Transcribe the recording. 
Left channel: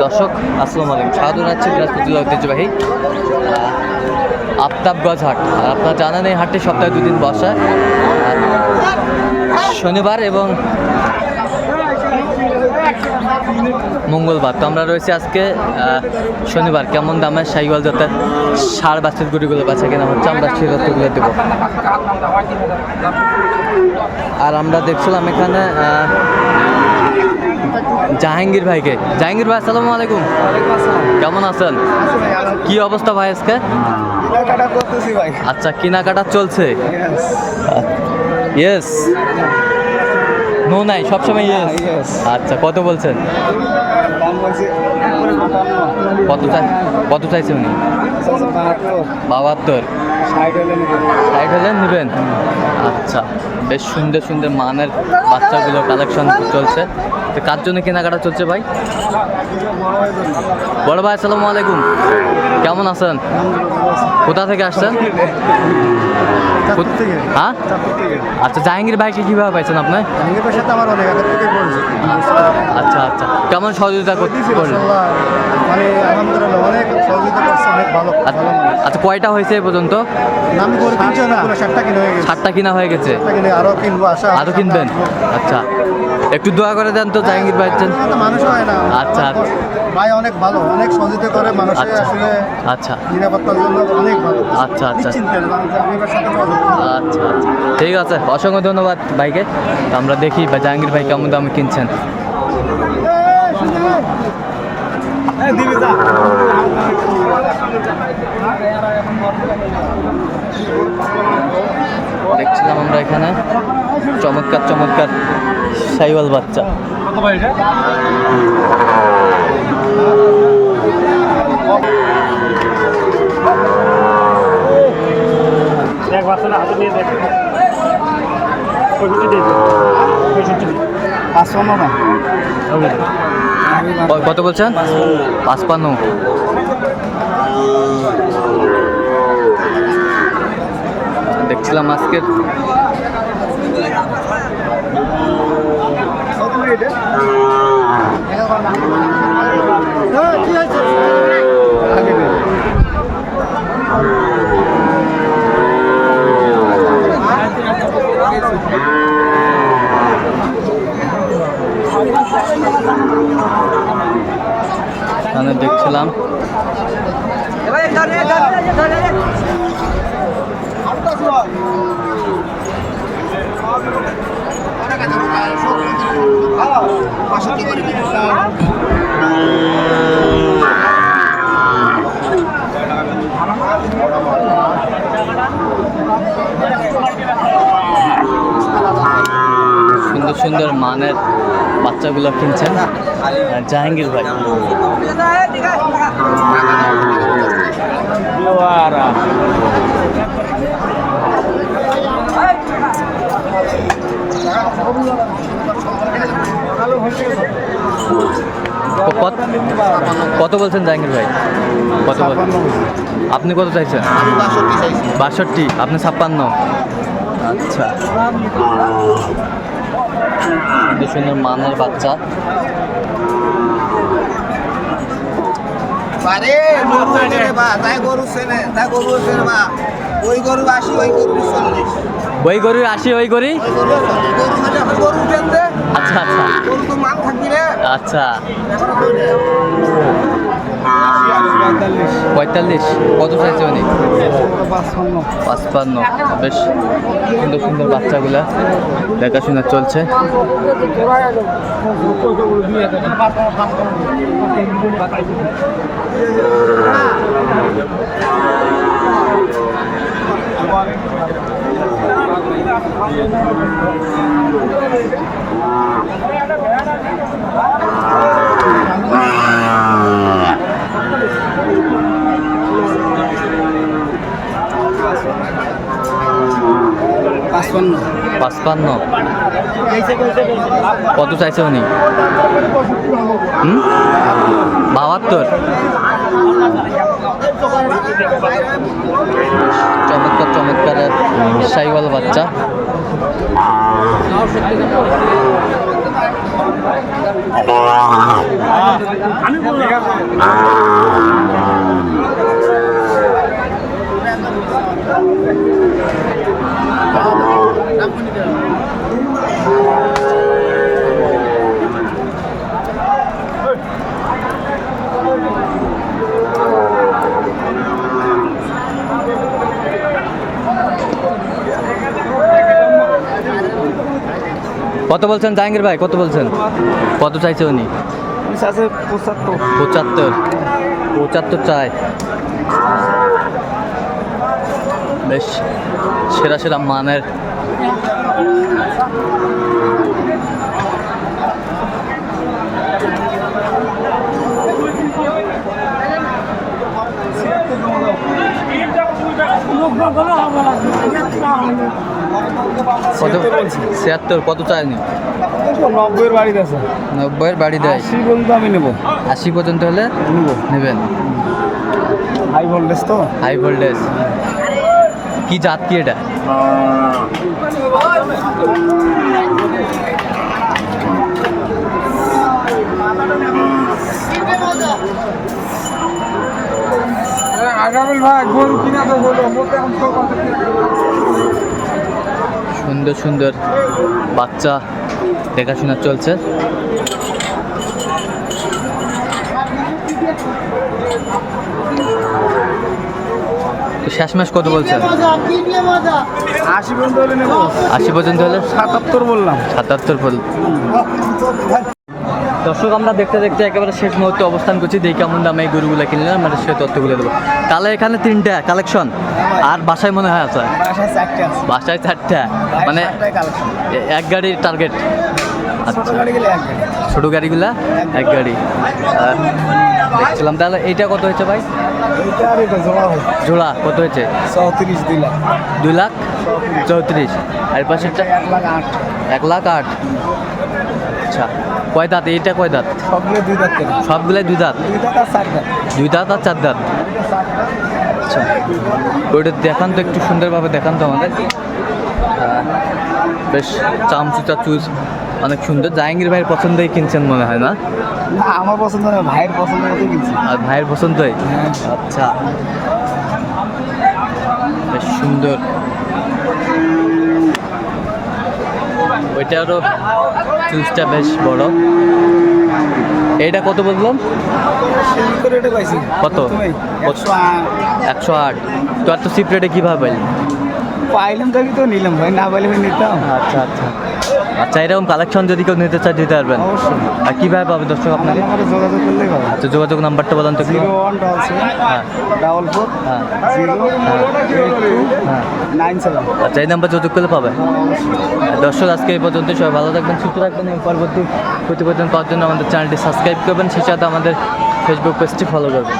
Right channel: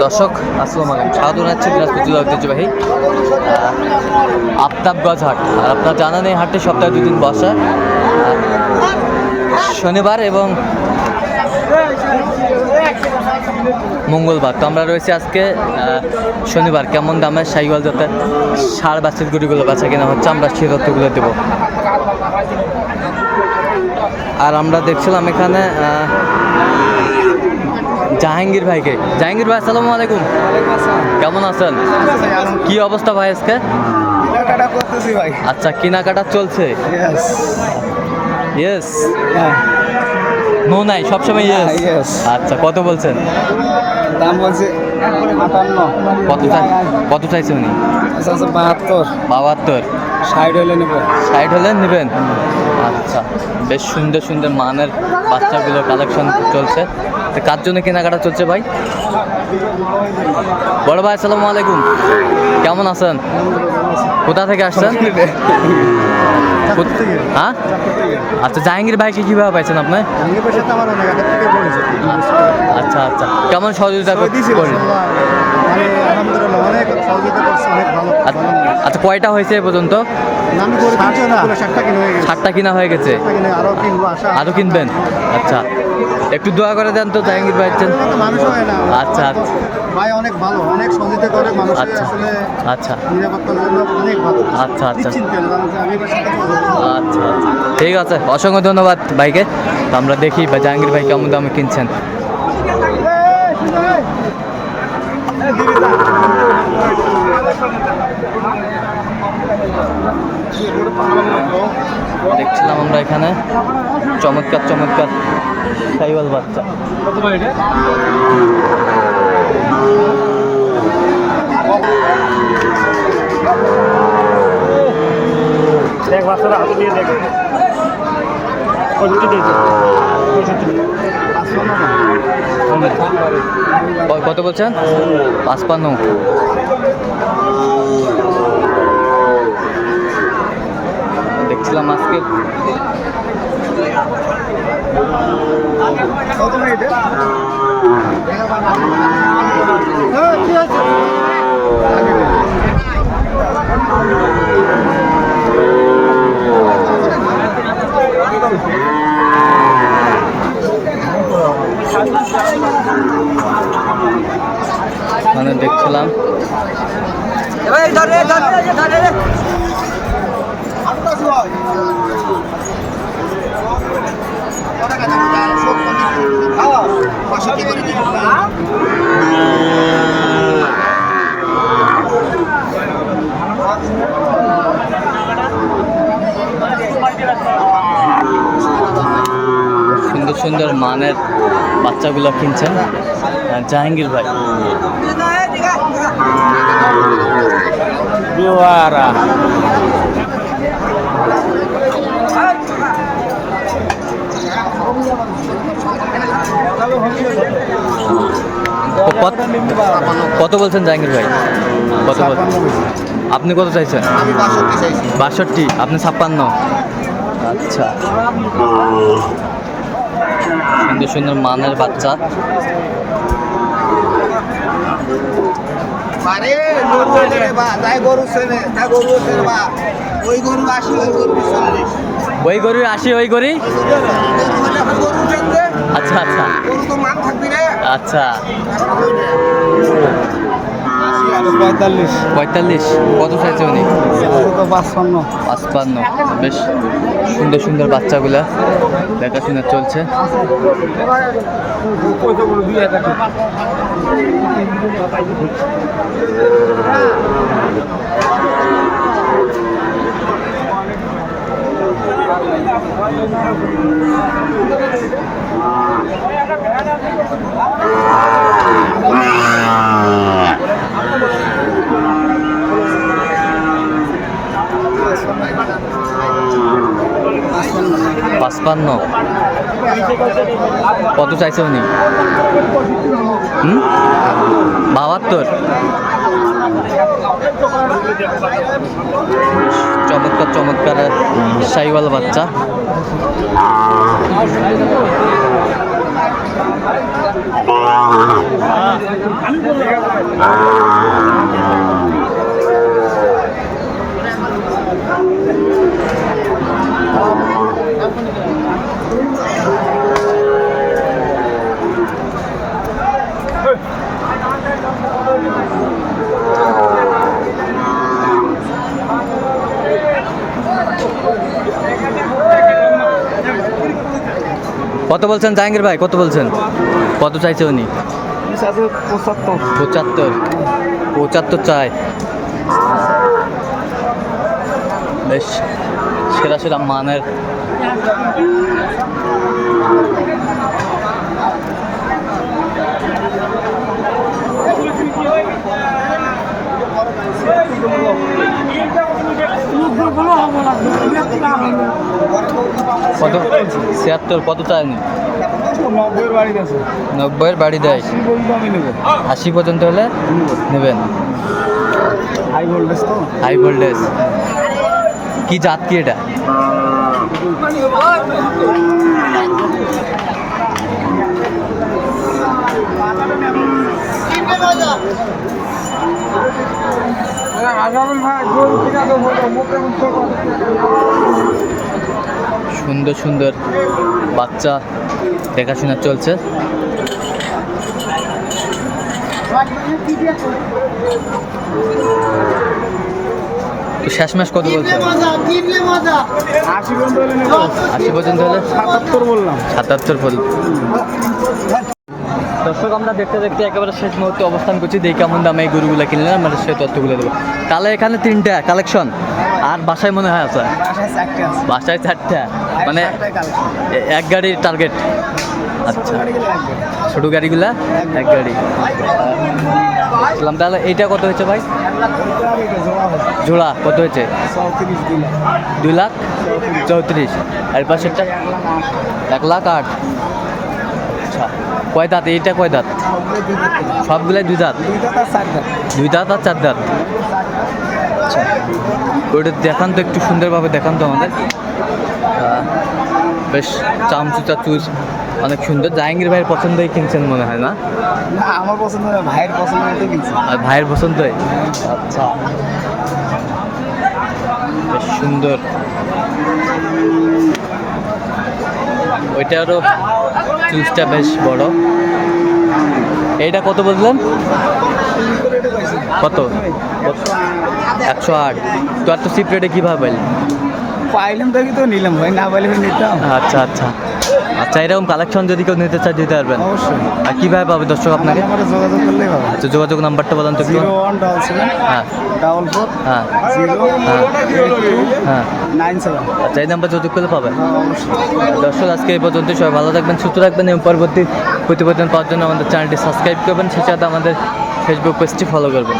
দর্শক, আসসালামু আলাইকুম। স্বাগত জানাচ্ছি দিনাজপুর জেলা ঐতিহ্যবাহী আফতাবগঞ্জ হাট। আর আপনার জানেন এই হাটটি সপ্তাহে দুদিন বসে। শনিবার এবং মঙ্গলবার। তো আমরা রয়েছি আজকে শনিবার। কেমন দামের সাইকেল যাতে সার বাচ্চার গুড়িগুলো বাচ্চা কেনা হচ্ছে, আমরা সেই তথ্যগুলো দেবো। আর আমরা দেখছিলাম এখানে জাহাঙ্গীর ভাইকে। জাহাঙ্গীর ভাই আসসালামু আলাইকুম। কেমন আছেন? কি অবস্থা ভাই আজকে? আচ্ছা কেনাকাটা চলছে? ইয়েস নো নাই সবসময় ইয়েস আচ্ছা কত বলছেন? কত চাই কত চাইছে উনি? বাহাত্তর। সাইড হলে নেবেন? আচ্ছা বেশ সুন্দর সুন্দর মানের বাচ্চাগুলো কালেকশন চলছে। তো কার জন্য কেনাকাটা চলছে ভাই? বড় ভাই আসসালামু আলাইকুম। কেমন আছেন? কোথা থেকে আসছেন? হ্যাঁ? আচ্ছা জাহাঙ্গীর ভাইকে কীভাবে পাইছেন আপনি? আচ্ছা আচ্ছা। কেমন সহযোগিতা করলেন। মানে আলহামদুলিল্লাহ অনেক সহযোগিতা করছে অনেক ভালো আচ্ছা। আচ্ছা কয়টা হয়েছে এ পর্যন্ত? নাম করে কিনছে অনেকগুলো ষাটটা কিনে হয়ে গেছে। ষাটটা কিনা হয়ে গেছে? ষাটটা কিনে আরও কিনবো আশা আরও কিনবেন? আচ্ছা একটু দোয়া করে দেন তো জাহাঙ্গীর ভাই তো মানুষ হয় না। আচ্ছা, আচ্ছা। ভাই অনেক ভালো অনেক সহযোগিতা করে মানুষ আচ্ছা আচ্ছা। নিরাপত্তার জন্য অনেক ভালো। আচ্ছা, আচ্ছা। আচ্ছা আচ্ছা। ঠিক আছে অসংখ্য ধন্যবাদ ভাইকে। আমরা দেখি বা জাহাঙ্গীর ভাই কেমন দামে কিনছেন। দেখছিলাম আমরা এখানে। চমৎকার চমৎকার সাইওয়াল বাচ্চা। দেখ বাচ্চারা হাতে নিয়ে দেখ। কত বলছেন? পাঁচপান্ন। দেখছিলাম আজকে। হ্যাঁ ঠিক আছে। এখানে দেখছিলাম। সুন্দর সুন্দর মানের বাচ্চাগুলো কিনছেন জাহাঙ্গীর ভাই। কত- কত বলছেন জাহাঙ্গীর ভাই? কত আপনি কত চাইছেন? বাষট্টি, আপনি ছাপ্পান্ন। আচ্ছা। সুন্দর সুন্দর মানের বাচ্চা। আরে চেনে বা তাই গরু চেনে তাই গরু চেনে বা ওই গরু আসি ওই গরু চল্লিশ। ওই আসি ওই আচ্ছা আচ্ছা। আচ্ছা। পঁয়তাল্লিশ। পঁয়তাল্লিশ। কত চাইছে উনি? পাঁচপান্ন পাঁচপান্ন। বেশ সুন্দর সুন্দর বাচ্চাগুলা দেখাশোনা চলছে। পাঁচপান্ন। কত চাইছে উনি? হুম? বাহাত্তর। চমৎকার চমৎকার সাইওয়াল বাচ্চা। কত বলছেন জাহাঙ্গীর ভাই? কত বলছেন? কত চাইছে উনি? পঁচাত্তর। পঁচাত্তর। পঁচাত্তর চাই। বেশ সেরা সেরা মানের। কত? ছিয়াত্তর কত চায়নি নব্বইয়ের বাড়ি দেয়। আশি পর্যন্ত আশি পর্যন্ত হলে নেবেন। হাই ভোল্টেজ তো। হাই ভোল্টেজ কি জাত কি এটা? সুন্দর সুন্দর বাচ্চা দেখাশোনা চলছে তো শেষমেশ কত বলছে আশি পর্যন্ত হলে? নেব আশি পর্যন্ত হলে সাতাত্তর বললাম। সাতাত্তর দর্শক আমরা দেখতে দেখতে একেবারে শেষ মুহূর্তে অবস্থান করছি। দেখি কেমন দামে এই গরুগুলো কিনলাম আমরা সে তথ্যগুলো দেবো। তাহলে এখানে তিনটা কালেকশন। আর বাসায় মনে হয় আছে? বাসায় চারটে মানে এক গাড়ির টার্গেট আচ্ছা। ছোট গাড়িগুলা? এক গাড়ি। দেখছিলাম। তাহলে এইটা কত হয়েছে ভাই? জোড়া কত হয়েছে? দুই লাখ? চৌত্রিশ। আর পাশেরটা? এক লাখ আট। আচ্ছা। কয় দাঁত? এইটা কয় দাঁত? সবগুলাই দুই দাঁত। দুই দাঁত আর চার দাঁত? আচ্ছা। ওইটা দেখান তো, একটু সুন্দরভাবে দেখান তো আমাদের। বেশ, চামচুচা চুচ। অনেক সুন্দর। জাহাঙ্গীর ভাইয়ের পছন্দই কিনছেন মনে হয় না? না আমার পছন্দ না ভাইয়ের পছন্দ মতো কিনছি। আর ভাইয়ের পছন্দই? আচ্ছা। বেশ সুন্দর। ওইটারও চুজটা বেশ বড়। এইটা কত বললেন? কত? একশো আট। তো আর তো চিপ রেটে কীভাবে পাইলেন? পাইলাম তো নিলাম ভাই না পাইলে নিতাম। আচ্ছা আচ্ছা। আচ্ছা এরকম কালেকশন যদি কেউ নিতে চায় দিতে পারবেন। অবশ্যই। আর কীভাবে পাবে দর্শক আপনাকে? নাম্বারে যোগাযোগ করলে হবে। আচ্ছা যোগাযোগ নাম্বারটা বলেন তো জিরো ওয়ান ডবল সেভেন হ্যাঁ। ডাবল ফোর হ্যাঁ। জিরো হ্যাঁ। এইট টু হ্যাঁ। Nine seven. আচ্ছা এই নাম্বার যোগাযোগ করলে পাবে দর্শক আজকে এই পর্যন্ত সবাই ভালো থাকবেন সুস্থ থাকবেন। এবং পরবর্তী প্রতিবেদন পাওয়ার জন্য আমাদের চ্যানেলটি সাবস্ক্রাইব করবেন। সেই সাথে আমাদের ফেসবুক পেজটি ফলো করবেন।